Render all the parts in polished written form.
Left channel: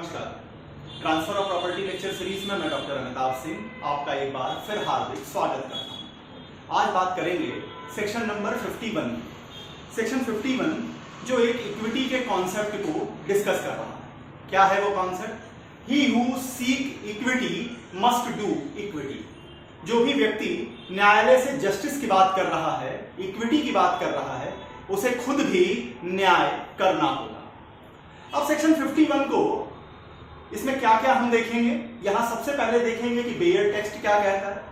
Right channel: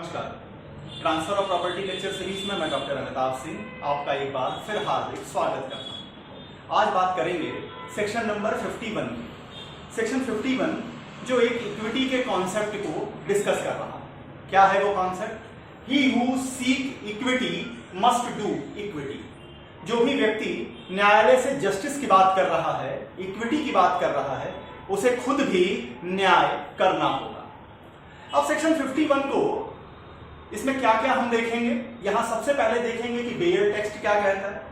नमस्कार। Transfer of property lecture series में मैं डॉक्टर अमिताभ सिंह आपका एक बार फिर हार्दिक स्वागत करता हूं। आज बात करेंगे सेक्शन नंबर 51 की। सेक्शन 51 जो एक इक्विटी के कॉन्सेप्ट को डिस्कस कर रहा है। क्या है वो concept? He who seek equity must do equity. जो भी व्यक्ति न्यायालय से जस्टिस की बात कर रहा है, इक्विटी की बात कर रहा है, उसे खुद भी न्याय करना होगा। अब सेक्शन 51 को इसमें क्या क्या हम देखेंगे, यहां सबसे पहले देखेंगे कि बेयर टेक्स्ट क्या कहता है,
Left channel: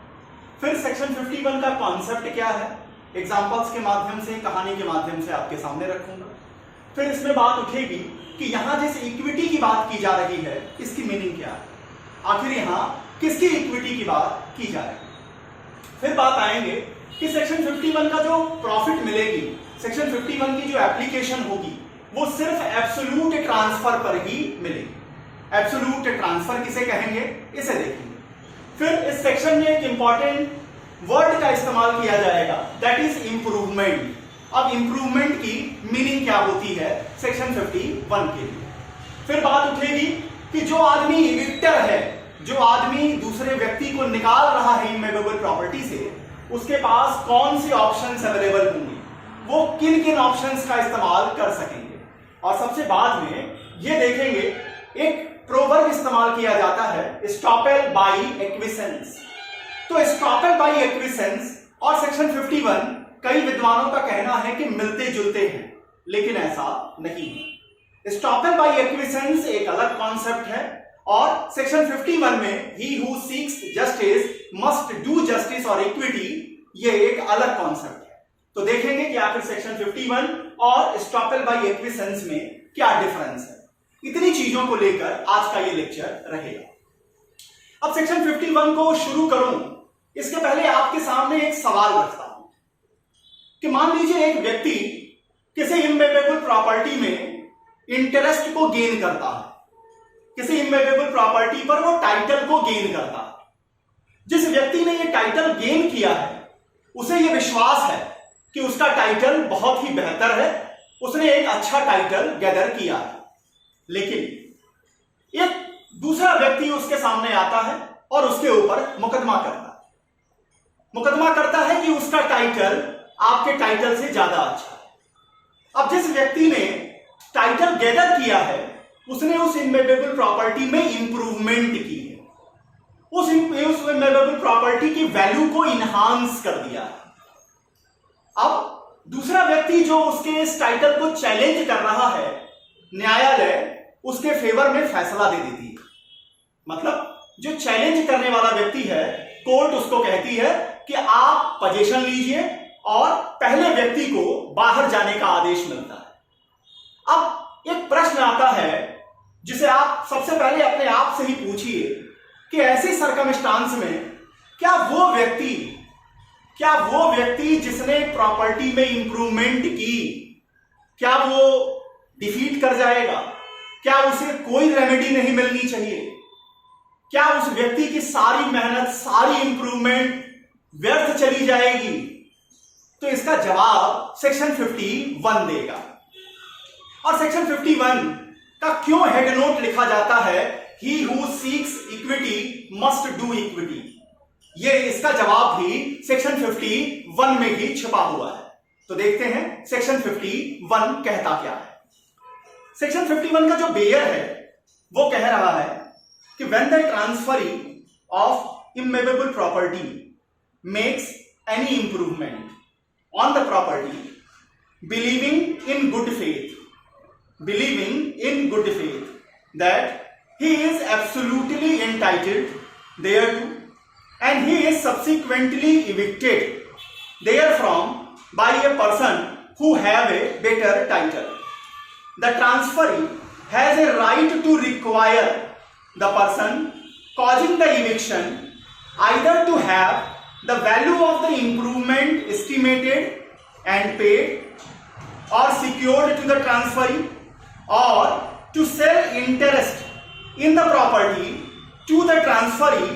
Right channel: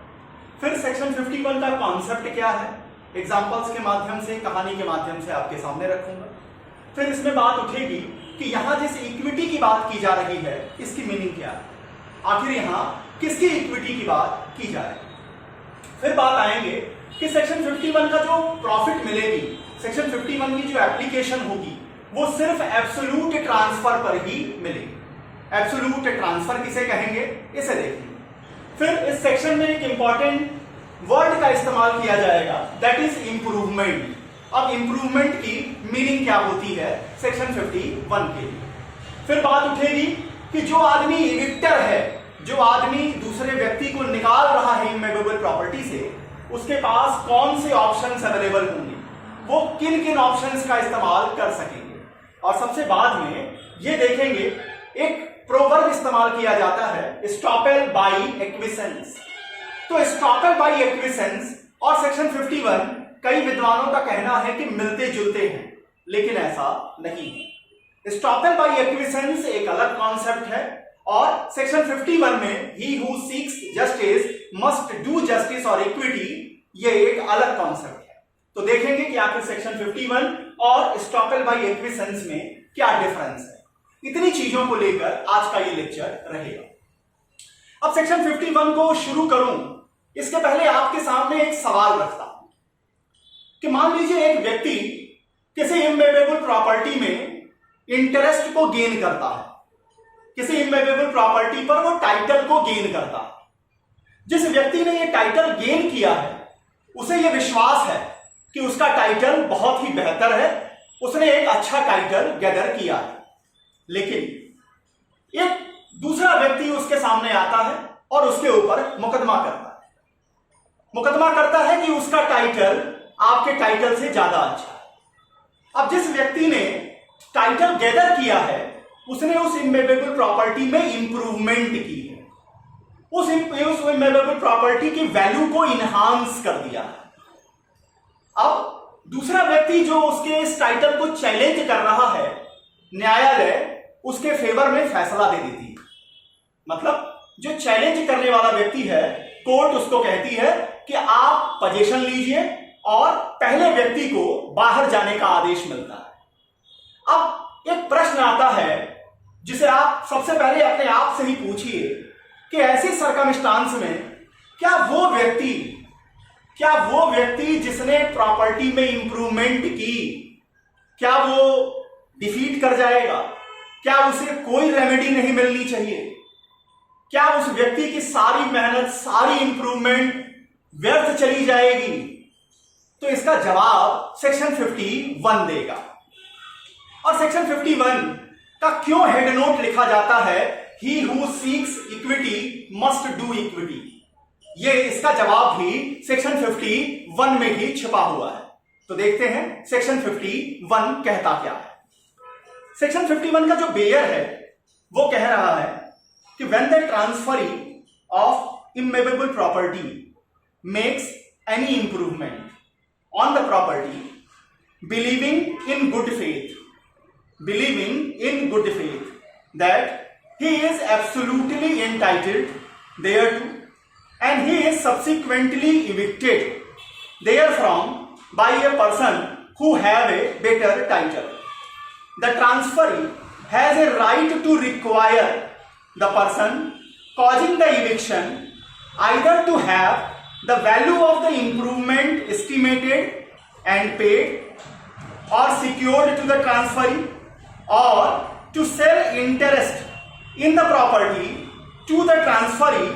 फिर सेक्शन 51 का कॉन्सेप्ट क्या है, एग्जांपल्स के माध्यम से, कहानी के माध्यम से आपके सामने रखूंगा। फिर इसमें बात उठेगी कि यहां जिस इक्विटी की बात की जा रही है इसकी मीनिंग क्या है, आखिर यहां किसकी इक्विटी की बात की जा रही है। फिर बात आएंगे कि सेक्शन 51 का जो प्रॉफिट मिलेगी, सेक्शन 51 की जो एप्लीकेशन होगी वो सिर्फ एब्सोल्यूट ट्रांसफर पर ही मिलेगी। एब्सोल्यूट ट्रांसफर किसे कहेंगे, इसे देखेंगे। फिर इस सेक्शन में एक इंपॉर्टेंट वर्ड का इस्तेमाल किया जाएगा, दैट इज इंप्रूवमेंट। अब इंप्रूवमेंट की मीनिंग क्या होती है सेक्शन 51 के लिए। फिर बात उठेगी कि जो आदमी इविक्टर है, जो आदमी दूसरे व्यक्ति को निकाल रहा है इमूवेबल प्रॉपर्टी से, उसके पास कौन से ऑप्शंस अवेलेबल होंगे, वो किन किन ऑप्शंस का इस्तेमाल कर सकेंगे। और सबसे बाद में ये देखेंगे एक प्रोवर्ब इस्तेमाल किया जाता है, एस्टॉपेल बाय एक्विसेंस। तो एस्टॉपेल बाय एक्विसेंस और सेक्शन 51 कई विद्वानों का कहना है कि मिलते जुलते हैं, लेकिन ऐसा नहीं है। एस्टॉपेल बाय एक्विसेंस एक अलग कॉन्सेप्ट है और सेक्शन 51 में he who seeks justice must do justice और इक्विटी, ये एक अलग कॉन्सेप्ट है। तो देखेंगे कि आखिर सेक्शन 51 और एस्टॉपेल बाय एक्विसेंस में क्या डिफरेंस है। इतनी चीजों को लेकर आज का ये लेक्चर रहेगा। अब सेक्शन 51 को शुरू करूं इसके पहले आपके सामने एक सवाल रखता हूं कि मान लीजिए एक व्यक्ति किसी इमूवेबल प्रॉपर्टी में इंटरेस्ट को गेन करता है, किसी इमूवेबल प्रॉपर्टी पर वो टाइटल को गेन करता है। जिस व्यक्ति ने ये टाइटल गेन किया है उसे ये विश्वास है कि उसका टाइटल बहुत ही बेहतर है, उसने एक अच्छा टाइटल गैदर किया है। लेकिन एक दूसरा व्यक्ति उसके सामने आता है और उसके ऊपर मुकदमा करता है। मुकदमा करता है कि उसका टाइटल आपके टाइटल से ज्यादा अच्छा है। अब जिस व्यक्ति ने टाइटल गैदर किया है उसने उस इमूवेबल प्रॉपर्टी में इंप्रूवमेंट की है, उस इमूवेबल प्रॉपर्टी की वैल्यू को इनहांस कर दिया है। अब दूसरा व्यक्ति जो उसके इस टाइटल को चैलेंज कर रहा है, न्यायालय उसके फेवर में फैसला दे देती है। मतलब जो चैलेंज करने वाला व्यक्ति है, कोर्ट उसको कहती है कि आप पोजीशन लीजिए और पहले व्यक्ति को बाहर जाने का आदेश मिलता है। अब एक प्रश्न आता है जिसे आप सबसे पहले अपने आप से ही पूछिए कि ऐसी सर्कमस्टांस में क्या वो व्यक्ति जिसने प्रॉपर्टी में इंप्रूवमेंट की, क्या वो डिफीट कर जाएगा? क्या उसे कोई रेमेडी नहीं मिलनी चाहिए? क्या उस व्यक्ति की सारी मेहनत, सारी इंप्रूवमेंट व्यर्थ चली जाएगी? तो इसका जवाब सेक्शन 51 देगा। और सेक्शन 51 का क्यों हेड नोट लिखा जाता है, he who seeks equity must do equity, ये इसका जवाब भी सेक्शन 51 में ही छिपा हुआ है। तो देखते हैं सेक्शन 51 कहता क्या है। सेक्शन 51 का जो बेयर है वो कह रहा है कि when the transferee of immovable property makes any improvement on the property believing in good faith that he is absolutely entitled thereto and he is subsequently evicted therefrom by a person who have a better title. The transferee has a right to require the person causing the eviction either to have the value of the improvement estimated and paid or secured to the transferee, or to sell interest in the property to the transferee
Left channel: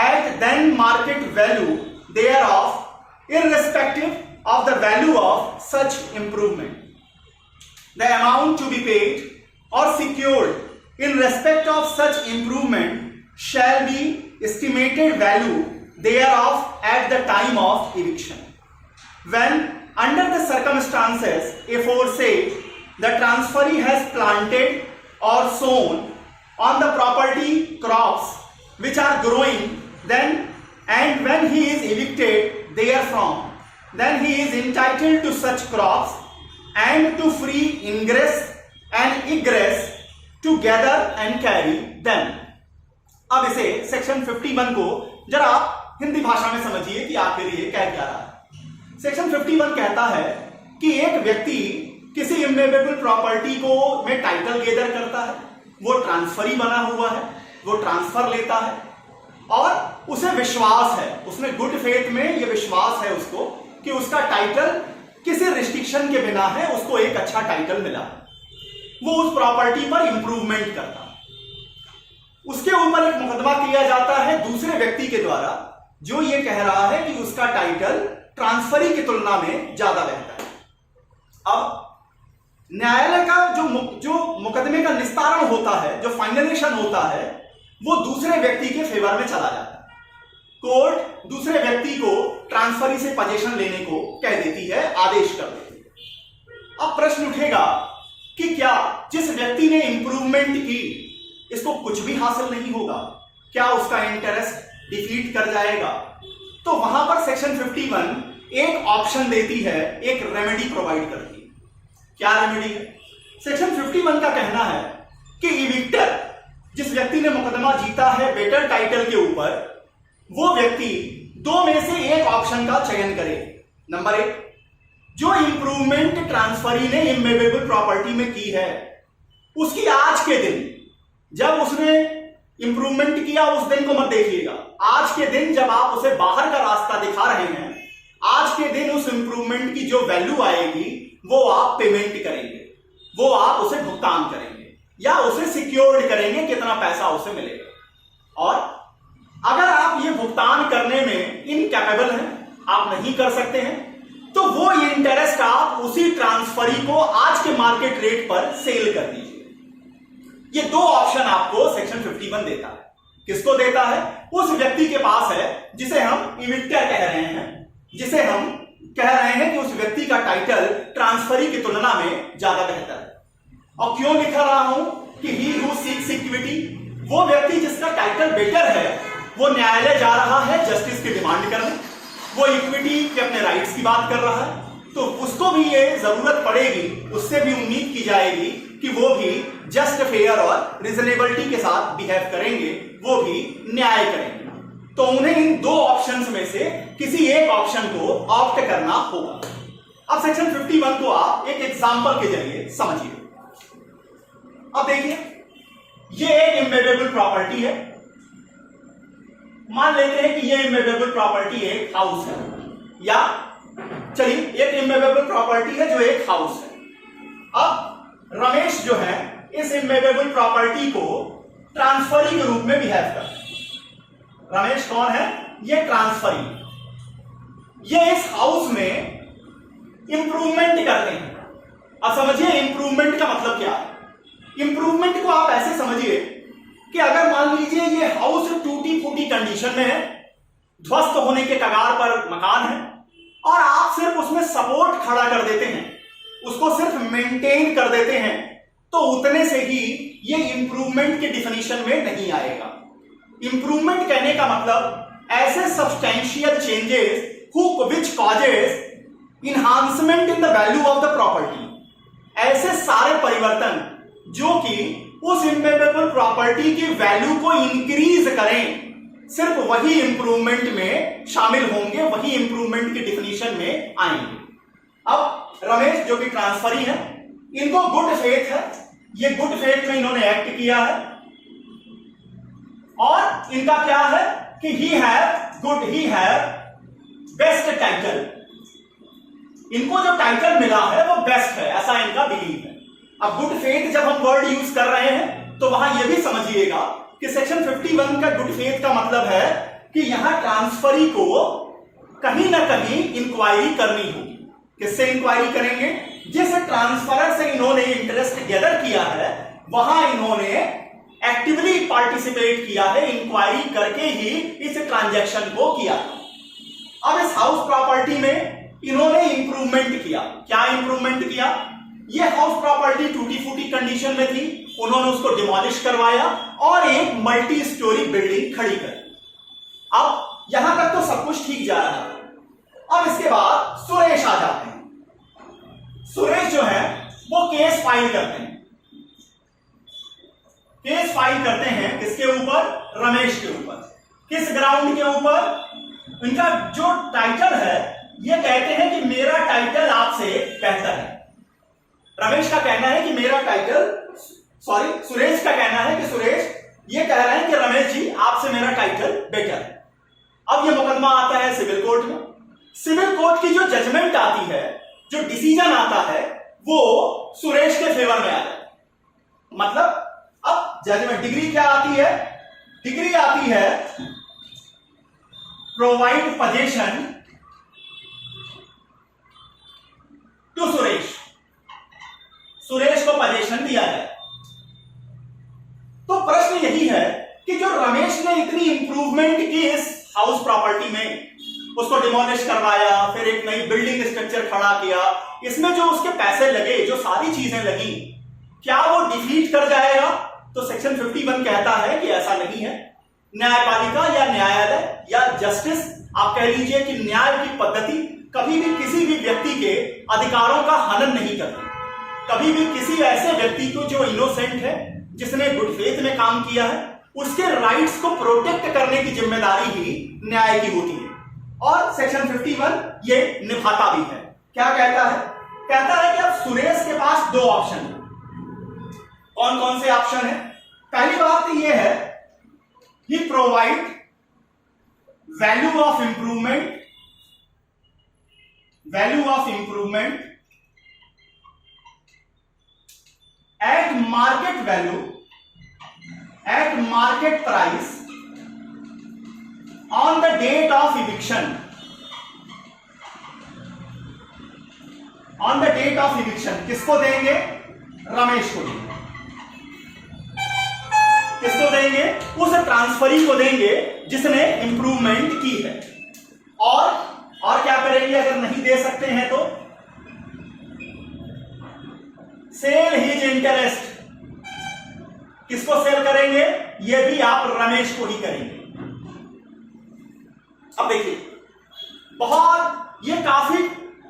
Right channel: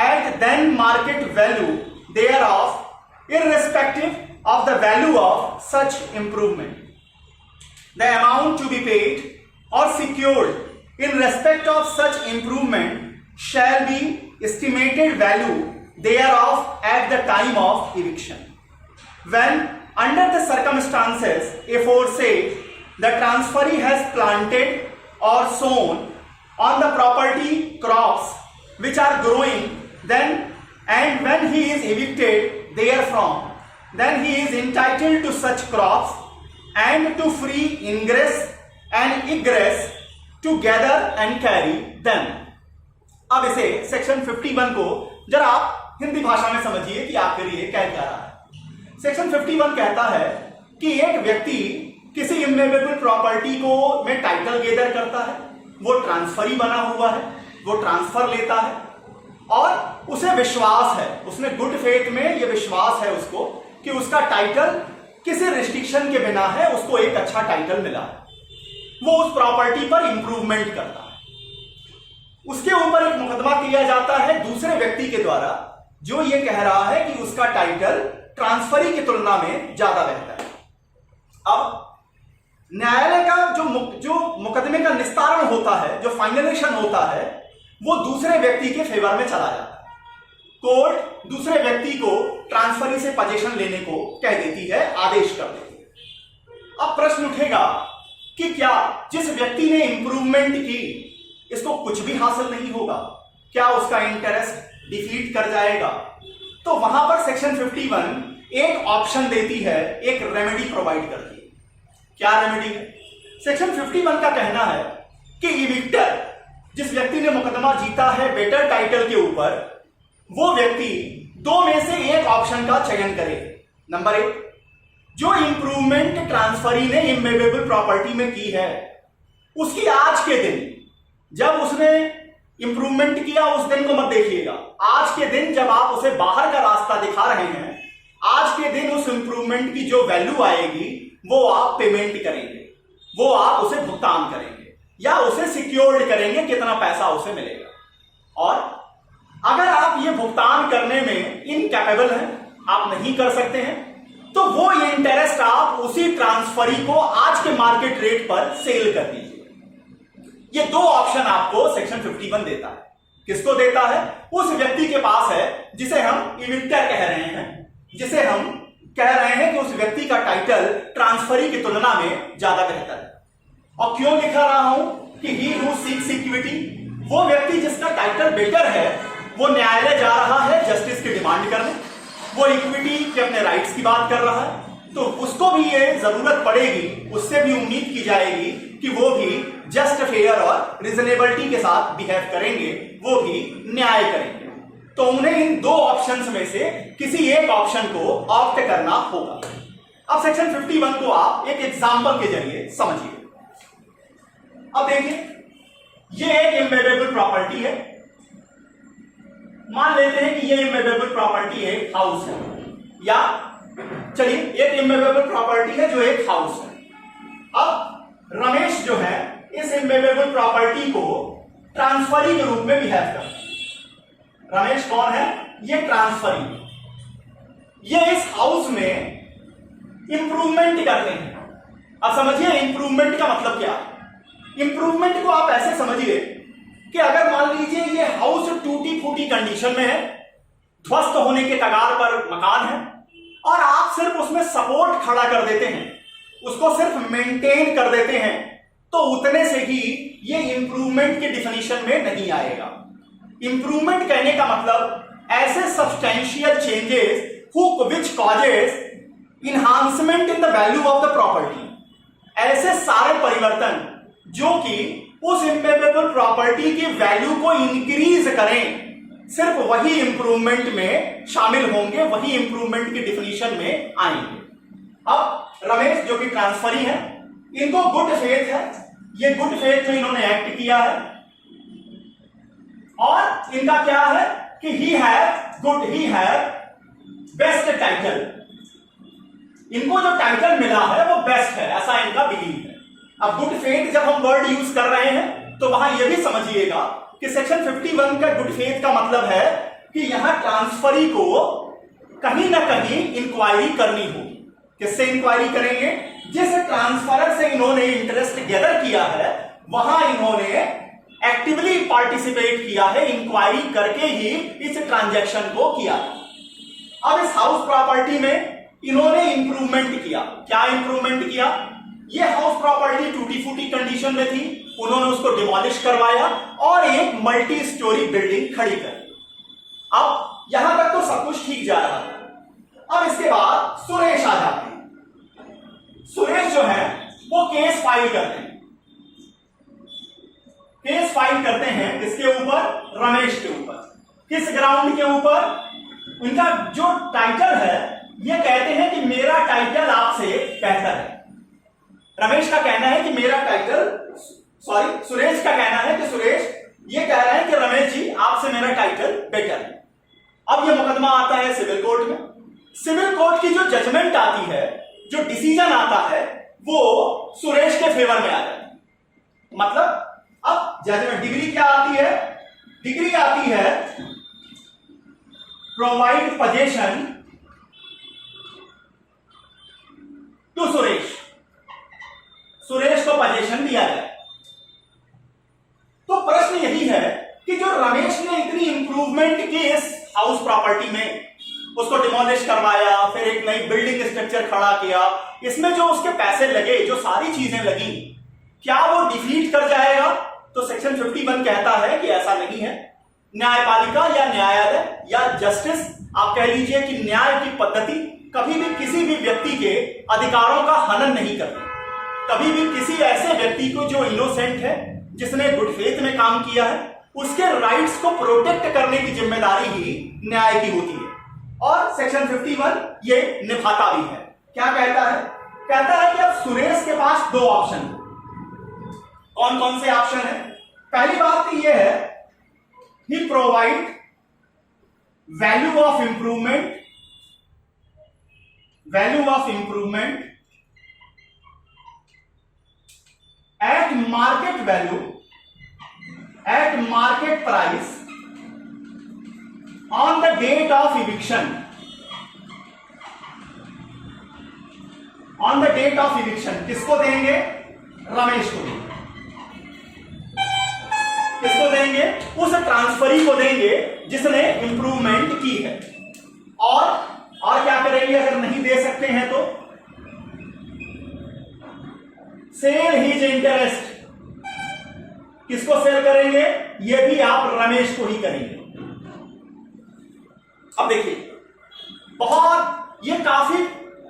at then market value thereof, irrespective of the value of such improvement. The amount to be paid or secured in respect of such improvement shall be estimated value thereof at the time of eviction. When under the circumstances aforesaid the transferee has planted or sown on the property crops which are growing, then and when he is evicted therefrom, then he is entitled to such crops and to free ingress and egress to gather and carry them. अब इसे section 51 को जरा आप हिंदी भाषा में समझिए कि आखिर ये क्या कह रहा है। सेक्शन 51 कहता है कि एक व्यक्ति किसी इमूवेबल प्रॉपर्टी को में टाइटल गेदर करता है, वो ट्रांसफरी बना हुआ है, वो ट्रांसफर लेता है और उसे विश्वास है, उसने गुड फेथ में ये विश्वास है उसको कि उसका टाइटल किसी रिस्ट्रिक्शन के बिना है, उसको एक अच्छा टाइटल मिला, वो उस प्रॉपर्टी पर इंप्रूवमेंट करता है। उसके ऊपर एक मुकदमा किया जाता है दूसरे व्यक्ति के द्वारा जो ये कह रहा है कि उसका टाइटल ट्रांसफरी की तुलना में ज्यादा बेहतर है। अब न्यायालय का जो मुकदमे का निस्तारण होता है, जो फाइनलेशन होता है, वो दूसरे व्यक्ति के फेवर में चला जाता है। कोर्ट दूसरे व्यक्ति को ट्रांसफरी से पोजीशन लेने को कह देती है, आदेश कर देती है। अब प्रश्न उठेगा कि क्या जिस व्यक्ति ने इंप्रूवमेंट की इसको कुछ भी हासिल नहीं होगा, क्या उसका इंटरेस्ट डिफीट कर जाएगा? तो वहां पर सेक्शन 51 एक ऑप्शन देती है, एक रेमेडी प्रोवाइड करती है। क्या रेमेडी है? सेक्शन 51 का कहना है कि इविक्टर, जिस व्यक्ति ने मुकदमा जीता है बेटर टाइटल के ऊपर, वो व्यक्ति दो में से एक ऑप्शन का चयन करे। नंबर 1, जो इंप्रूवमेंट ट्रांसफरी ने इमूवेबल प्रॉपर्टी में की है उसकी आज के दिन, जब उसने इंप्रूवमेंट किया उस दिन को मत देखिएगा, आज के दिन जब आप उसे बाहर का रास्ता दिखा रहे हैं, आज के दिन उस इंप्रूवमेंट की जो वैल्यू आएगी वो आप पेमेंट करेंगे, वो आप उसे भुगतान करेंगे या उसे सिक्योर्ड करेंगे, कितना पैसा उसे मिलेगा। और अगर आप ये भुगतान करने में इनकैपेबल हैं, आप नहीं कर सकते हैं, तो वो इंटरेस्ट आप उसी ट्रांसफरी को आज के मार्केट रेट पर सेल कर दीजिए। ये दो ऑप्शन आपको सेक्शन 51 देता है। किसको देता है? उस व्यक्ति के पास है जिसे हम इविक्टर कह रहे हैं, जिसे हम कह रहे हैं कि उस व्यक्ति का टाइटल ट्रांसफरी की तुलना में ज्यादा बेहतर है। और क्यों लिखा रहा हूं कि ही हू सीक्स इक्विटी, वो व्यक्ति जिसका टाइटल बेटर है वो न्यायालय जा रहा है जस्टिस की डिमांड करने, वो इक्विटी के अपने राइट्स की बात कर रहा है, तो उसको भी ये जरूरत पड़ेगी, उससे भी उम्मीद की जाएगी कि वो भी जस्ट फेयर और रिजनेबिलिटी के साथ बिहेव करेंगे, वो भी न्याय करेंगे। तो उन्हें इन दो ऑप्शंस में से किसी एक ऑप्शन को ऑप्ट करना होगा। अब सेक्शन 51 को आप एक एग्जांपल के जरिए समझिए। अब देखिए, ये एक इमूवेबल प्रॉपर्टी है। मान लेते हैं कि ये इमूवेबल प्रॉपर्टी एक हाउस है, या चलिए एक इमूवेबल प्रॉपर्टी है जो एक हाउस है। अब रमेश जो है इस इमूवेबल प्रॉपर्टी को ट्रांसफरी के रूप में बिहेव करता है। रमेश कौन है? ये ट्रांसफरी। ये इस हाउस में इंप्रूवमेंट करते हैं। अब समझिए इंप्रूवमेंट का मतलब क्या है। इंप्रूवमेंट को आप ऐसे समझिए कि अगर मान लीजिए ये हाउस टूटी फूटी कंडीशन में है, ध्वस्त होने के कगार पर मकान है, और आप सिर्फ उसमें सपोर्ट खड़ा कर देते हैं, उसको सिर्फ मेंटेन कर देते हैं, तो उतने से ही ये इंप्रूवमेंट के डिफिनीशन में नहीं आएगा। इंप्रूवमेंट कहने का मतलब ऐसे substantial changes which causes enhancement in the value of the property, ऐसे सारे परिवर्तन जो कि उस इमूवेबल प्रॉपर्टी की वैल्यू को इंक्रीज करें, सिर्फ वही इंप्रूवमेंट में शामिल होंगे, वही इंप्रूवमेंट की डिफिनीशन में आएंगे। अब रमेश जो कि ट्रांसफरी है, इनको गुड फेथ है, ये गुड फेथ में इन्होंने एक्ट किया है, और इनका क्या है कि ही हैव बेस्ट टाइटल। इनको जो टाइटल मिला है वो बेस्ट है, ऐसा इनका बिलीव है। अब गुड फेथ जब हम वर्ड यूज कर रहे हैं तो वहां यह भी समझिएगा कि सेक्शन 51 का गुड फेथ का मतलब है कि यहां ट्रांसफरी को कहीं ना कहीं इंक्वायरी करनी होगी। किससे इंक्वायरी करेंगे? जिस ट्रांसफरर से इन्होंने इंटरेस्ट गैदर किया है वहां इन्होंने एक्टिवली पार्टिसिपेट किया है, इंक्वायरी करके ही इस ट्रांजैक्शन को किया। अब इस हाउस प्रॉपर्टी में इन्होंने इंप्रूवमेंट किया। क्या इंप्रूवमेंट किया? ये हाउस प्रॉपर्टी टूटी फूटी कंडीशन में थी, उन्होंने उसको डिमोलिश करवाया और एक मल्टी स्टोरी बिल्डिंग खड़ी कर। अब यहां तक तो सब कुछ ठीक जा रहा था। अब इसके बाद सुरेश आ जाते हैं। सुरेश जो है वो केस फाइल करते हैं। केस फाइल करते हैं किसके ऊपर? रमेश के ऊपर। किस ग्राउंड के ऊपर? इनका जो टाइटल है ये कहते हैं कि मेरा टाइटल आपसे बेहतर है। रमेश का कहना है कि मेरा टाइटल, सॉरी सुरेश का कहना है कि सुरेश ये कह रहे हैं कि रमेश जी आपसे मेरा टाइटल बेटर है। अब ये मुकदमा आता है सिविल कोर्ट में। सिविल कोर्ट की जो जजमेंट आती है, जो डिसीजन आता है, वो सुरेश के फेवर में आ जाता है। मतलब अब जजमेंट डिग्री क्या आती है? डिग्री आती है provide position to Suresh. Suresh को पोजीशन दिया गया। तो प्रश्न यही है कि जो रमेश ने इतनी इंप्रूवमेंट की इस हाउस प्रॉपर्टी में, उसको डिमोलिश करवाया, फिर एक नई बिल्डिंग स्ट्रक्चर खड़ा किया, इसमें जो उसके पैसे लगे, जो सारी चीजें लगी, क्या वो डिफीट कर जाएगा? तो सेक्शन 51 कहता है कि ऐसा नहीं है। न्यायपालिका या न्यायालय या जस्टिस, आप कह लीजिए कि न्याय की पद्धति कभी भी किसी भी व्यक्ति के अधिकारों का हनन नहीं करती। कभी भी किसी ऐसे व्यक्ति को जो इनोसेंट है, जिसने गुड फेथ में काम किया है, उसके राइट्स को प्रोटेक्ट करने की जिम्मेदारी ही न्याय की होती है। और सेक्शन 51 ये निभाता भी है। क्या कहता है? कहता है कि अब सुरेश के पास दो ऑप्शन है। कौन कौन से ऑप्शन है? पहली बात तो यह है, he provide value of improvement, value of improvement at market value, at market price on the date of eviction, on the date of eviction. किसको देंगे? रमेश को देंगे। किसको देंगे? उस ट्रांसफरी को देंगे जिसने इंप्रूवमेंट की है। और क्या करेंगे अगर नहीं दे सकते हैं तो? Sell his interest. किसको सेल करेंगे? ये भी आप रमेश को ही करेंगे। अब देखिए, बहुत ये काफी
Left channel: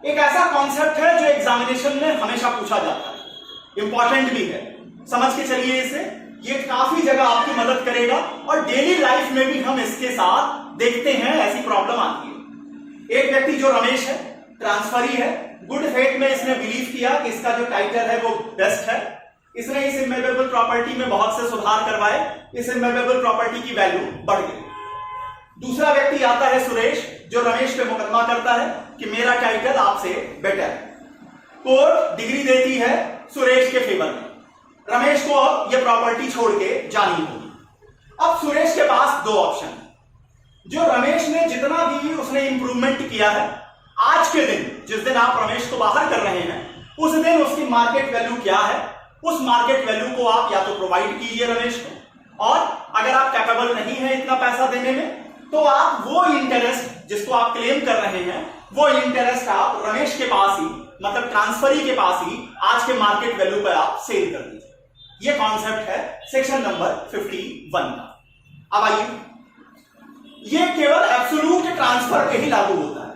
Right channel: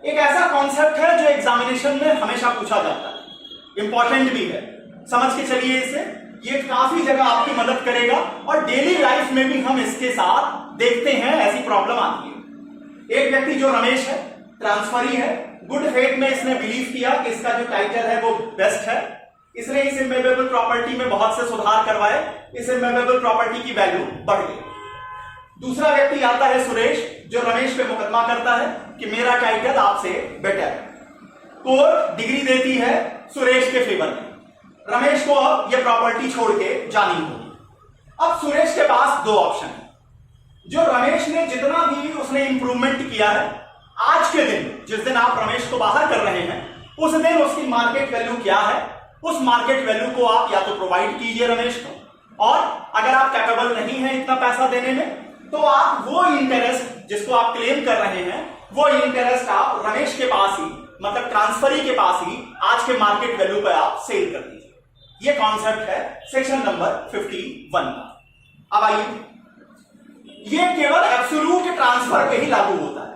एक ऐसा कॉन्सेप्ट है जो एग्जामिनेशन में हमेशा पूछा जाता है, इंपॉर्टेंट भी है, समझ के चलिए इसे। ये काफी जगह आपकी मदद करेगा और डेली लाइफ में भी हम इसके साथ देखते हैं, ऐसी प्रॉब्लम आती है। एक व्यक्ति जो रमेश है, ट्रांसफरी है, गुड फेथ में इसने बिलीव किया कि इसका जो टाइटल है वो बेस्ट है, इसने इस इमूवेबल प्रॉपर्टी में बहुत से सुधार करवाए, इस इमूवेबल प्रॉपर्टी की वैल्यू बढ़ गई। दूसरा व्यक्ति आता है सुरेश, जो रमेश पे मुकदमा करता है कि मेरा टाइटल आपसे बेटर है। कोर्ट डिग्री देती है सुरेश के फेवर में। रमेश को अब यह प्रॉपर्टी छोड़ के जानी होगी। अब सुरेश के पास दो ऑप्शन है। जो रमेश ने जितना भी उसने इंप्रूवमेंट किया है, आज के दिन जिस दिन आप रमेश को बाहर कर रहे हैं, उस दिन उसकी मार्केट वैल्यू क्या है, उस मार्केट वैल्यू को आप या तो प्रोवाइड कीजिए रमेश को, और अगर आप कैपेबल नहीं है इतना पैसा देने में, तो आप वो इंटरेस्ट जिसको आप क्लेम कर रहे हैं, वो इंटरेस्ट आप रमेश के पास ही, मतलब ट्रांसफरी के पास ही आज के मार्केट वैल्यू पर आप सेल कर दीजिए। ये कॉन्सेप्ट है सेक्शन नंबर 51 का। अब आइए, ये केवल एब्सोल्यूट ट्रांसफर पे ही लागू होता है।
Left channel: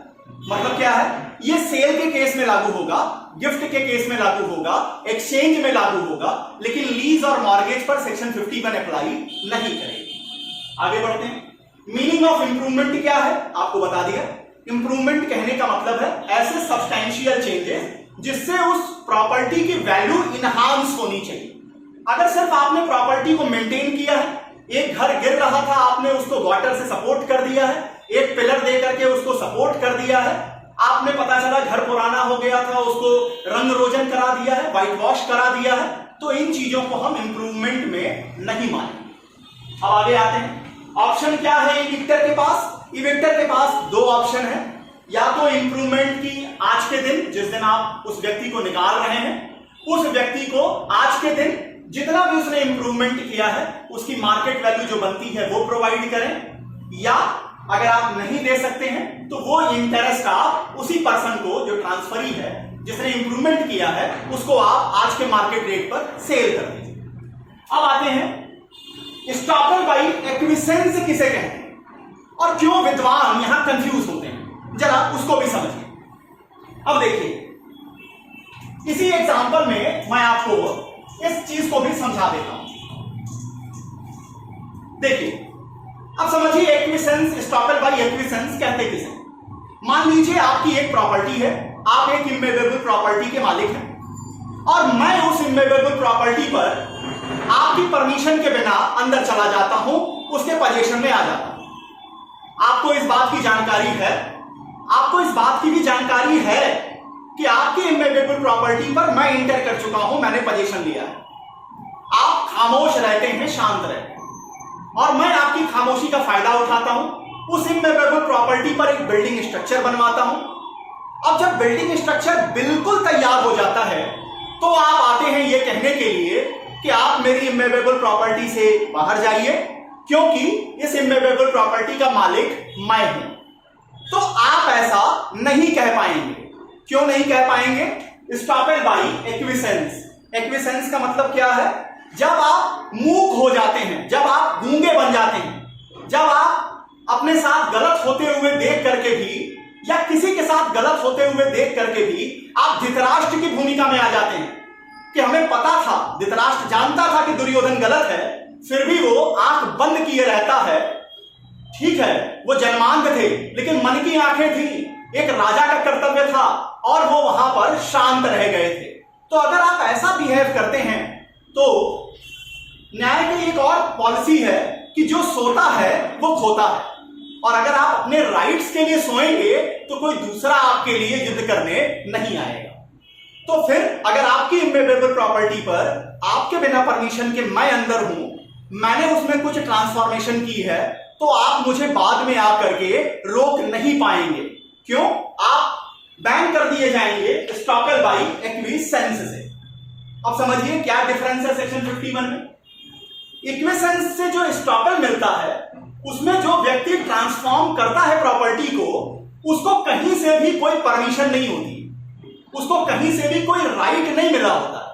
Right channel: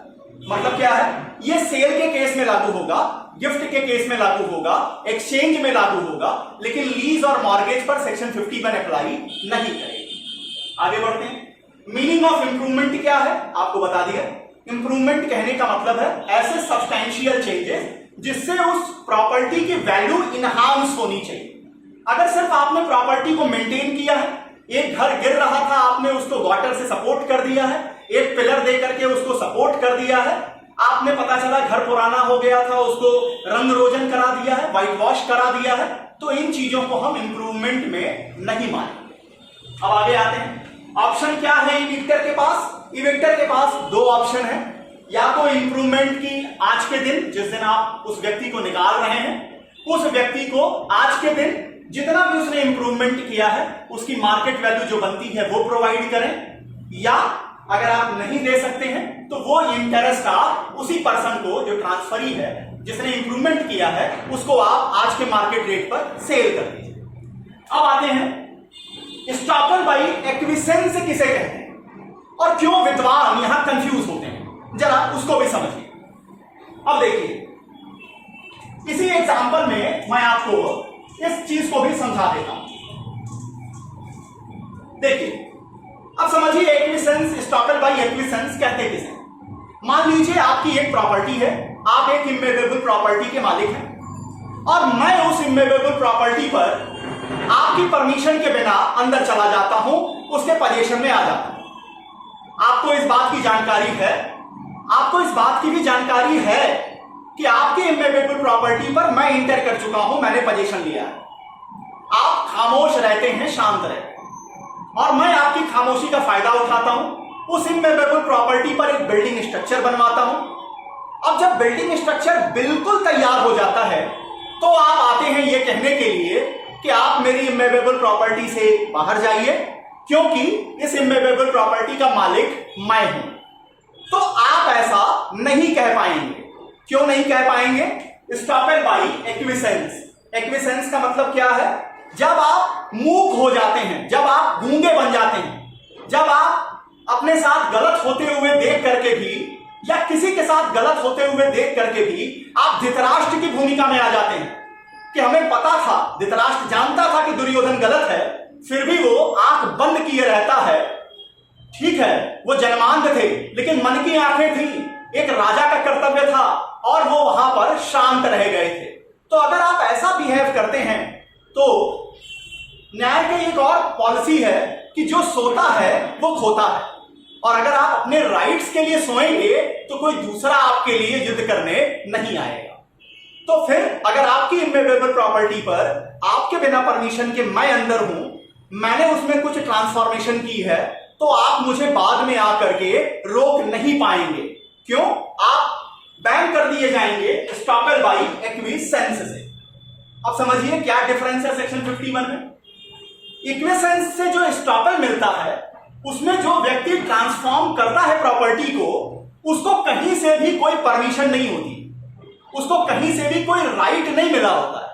मतलब क्या है? ये सेल के केस में लागू होगा, गिफ्ट के केस में लागू होगा, एक्सचेंज में लागू होगा, लेकिन लीज और मॉर्गेज पर सेक्शन 51 अप्लाई नहीं करेगी। आगे बढ़ते हैं। मीनिंग ऑफ इंप्रूवमेंट क्या है आपको बता दिया। इंप्रूवमेंट कहने का मतलब है ऐसे सब्सटैंशियल चेंजेस जिससे उस प्रॉपर्टी की वैल्यू इनहांस होनी चाहिए। अगर सिर्फ आपने प्रॉपर्टी को मेंटेन किया है, एक घर गिर रहा था, आपने उसको गॉटर से सपोर्ट कर दिया है, एक पिलर दे करके उसको सपोर्ट कर दिया है, आपने पता चला घर पुराना हो गया था, उसको रंग रोजन करा दिया है, व्हाइट वॉश करा दिया है, तो इन चीजों को हम इंप्रूवमेंट में नहीं मानेंगे। अब आगे आते हैं। ऑप्शन क्या है इविक्टर के पास? इविक्टर के पास दो ऑप्शन है। या तो इंप्रूवमेंट की आज के दिन, जिस दिन आप उस व्यक्ति को निकाल रहे हैं, उस व्यक्ति को आज के दिन जितना भी उसने इंप्रूवमेंट किया है उसकी मार्केट वैल्यू जो बनती है वो प्रोवाइड करें, या अगर आप नहीं दे सकते हैं तो वो इंटरेस्ट आप उसी पर्सन को जो ट्रांसफरी है, जिसने इंप्रूवमेंट किया है, उसको आप आज के मार्केट रेट पर सेल कर दीजिए। अब आते हैं स्टॉपल बाई एक्विसेंस किसे कहते हैं और क्यों विद्वान यहां कंफ्यूज होते हैं, जरा उसको भी समझिए। अब देखिए, इसी एग्जांपल में मैं आपको इस चीज को भी समझा देता हूं। देखिए, अब समझिए एक्विसेंस, स्टॉपल बाई एक्विसेंस कहते किसे। मान लीजिए आपकी एक प्रॉपर्टी है, आप एक इमूवेबल प्रॉपर्टी के मालिक हैं और मैं उस इमूवेबल प्रॉपर्टी पर आपकी परमिशन के बिना अंदर चला जाता हूं, उसके पोजीशन में आ जाता हूं। आपको इस बात की जानकारी है, आपको इस बात की भी जानकारी है कि आपकी इमूवेबल प्रॉपर्टी पर मैं इंटर कर चुका हूं, मैंने पोजीशन लिया है। आप खामोश रहते हैं, शांत रहते हैं, और मैं आपकी खामोशी का फायदा उठाता हूं, उस इमूवेबल प्रॉपर्टी पर एक बिल्डिंग स्ट्रक्चर बनवाता हूं। अब जब बिल्डिंग स्ट्रक्चर बिल्कुल तैयार हो जाता है तो आप आते हैं ये कहने के लिए कि आप मेरी इमूवेबल प्रॉपर्टी से बाहर जाइए, क्योंकि इस इमूवेबल प्रॉपर्टी का मालिक मैं हूं। तो आप ऐसा नहीं कह पाएंगे। क्यों नहीं कह पाएंगे? Estoppel by एक्विसेंस। एक्विसेंस का मतलब क्या है? जब आप मूक हो जाते हैं, जब आप गूंगे बन जाते हैं, जब आप अपने साथ गलत होते हुए देख करके भी, या किसी के साथ गलत होते हुए देख करके भी आप धृतराष्ट्र की भूमिका में आ जाते हैं कि हमें पता था, धृतराष्ट्र जानता था कि दुर्योधन गलत है, फिर भी वो आंख बंद किए रहता है। ठीक है, वो जन्मांध थे, लेकिन मन की आंखें थी, एक राजा का कर्तव्य था और वो वहां पर शांत रह गए थे। तो अगर आप ऐसा बिहेव करते हैं तो न्याय की एक और पॉलिसी है कि जो सोता है वो खोता है, और अगर आप अपने राइट्स के लिए सोएंगे तो कोई दूसरा आपके लिए युद्ध करने नहीं आएगा। तो फिर अगर आपकी इमूवेबल प्रॉपर्टी पर आपके बिना परमिशन के मैं अंदर हूं, मैंने उसमें कुछ ट्रांसफॉर्मेशन की है, तो आप मुझे बाद में आकर के रोक नहीं पाएंगे। क्यों? आप बैन कर दिए जाएंगे स्टॉपल बाई एक्विसेंस से। अब समझिए क्या डिफरेंस है सेक्शन 51 में। इक्विसेंस से जो स्टॉपल मिलता है, उसमें जो व्यक्ति ट्रांसफॉर्म करता है प्रॉपर्टी को, उसको कहीं से भी कोई परमिशन नहीं होती, उसको कहीं से भी कोई राइट नहीं मिला होता है।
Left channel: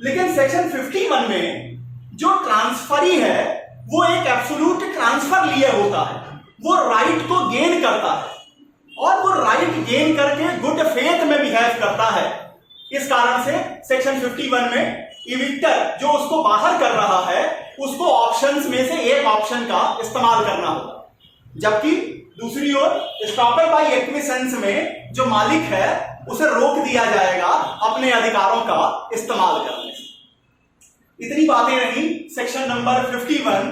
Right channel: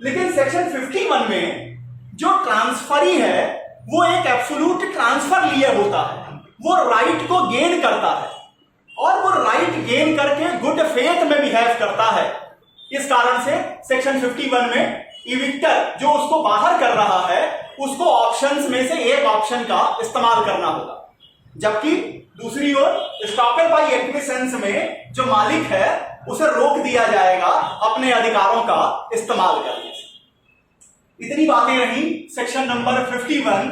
लेकिन सेक्शन 51 में जो ट्रांसफरी है वो एक एब्सोल्यूट ट्रांसफर लिए होता है, वो राइट को गेन करता है, और वो राइट गेन करके गुड फेथ में बिहेव करता है। इस कारण से सेक्शन 51 में इविक्टर जो उसको बाहर कर रहा है, उसको ऑप्शंस में से एक ऑप्शन का इस्तेमाल करना होगा, जबकि दूसरी ओर स्टॉपल बाई एक्विसेंस में जो मालिक है उसे रोक दिया जाएगा अपने अधिकारों का इस्तेमाल करने से। इतनी बातें रही section number 51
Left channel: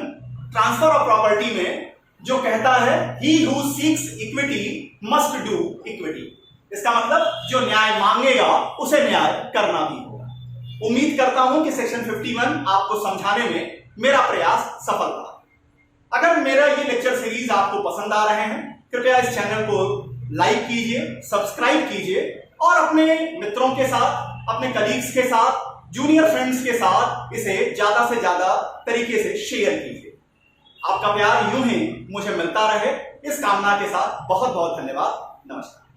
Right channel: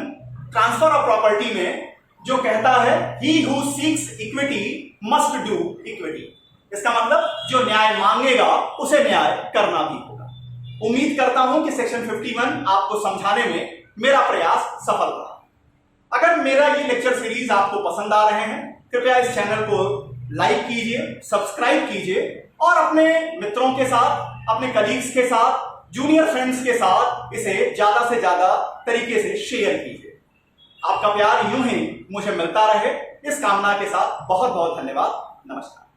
transfer of property में, जो कहता है he who seeks equity must do equity. इसका मतलब जो न्याय मांगेगा उसे न्याय करना भी होगा। उम्मीद करता हूं कि सेक्शन 51 आपको समझाने में मेरा प्रयास सफल रहा। अगर मेरा ये लेक्चर सीरीज आपको पसंद आ रहे हैं, कृपया इस चैनल को लाइक कीजिए, सब्सक्राइब कीजिए, और अपने मित्रों के साथ, अपने कलीग्स के साथ, जूनियर फ्रेंड्स के साथ इसे ज्यादा से ज्यादा तरीके से शेयर कीजिए। आपका प्यार यूं ही मुझे मिलता रहे, इस कामना के साथ बहुत बहुत धन्यवाद। नमस्कार।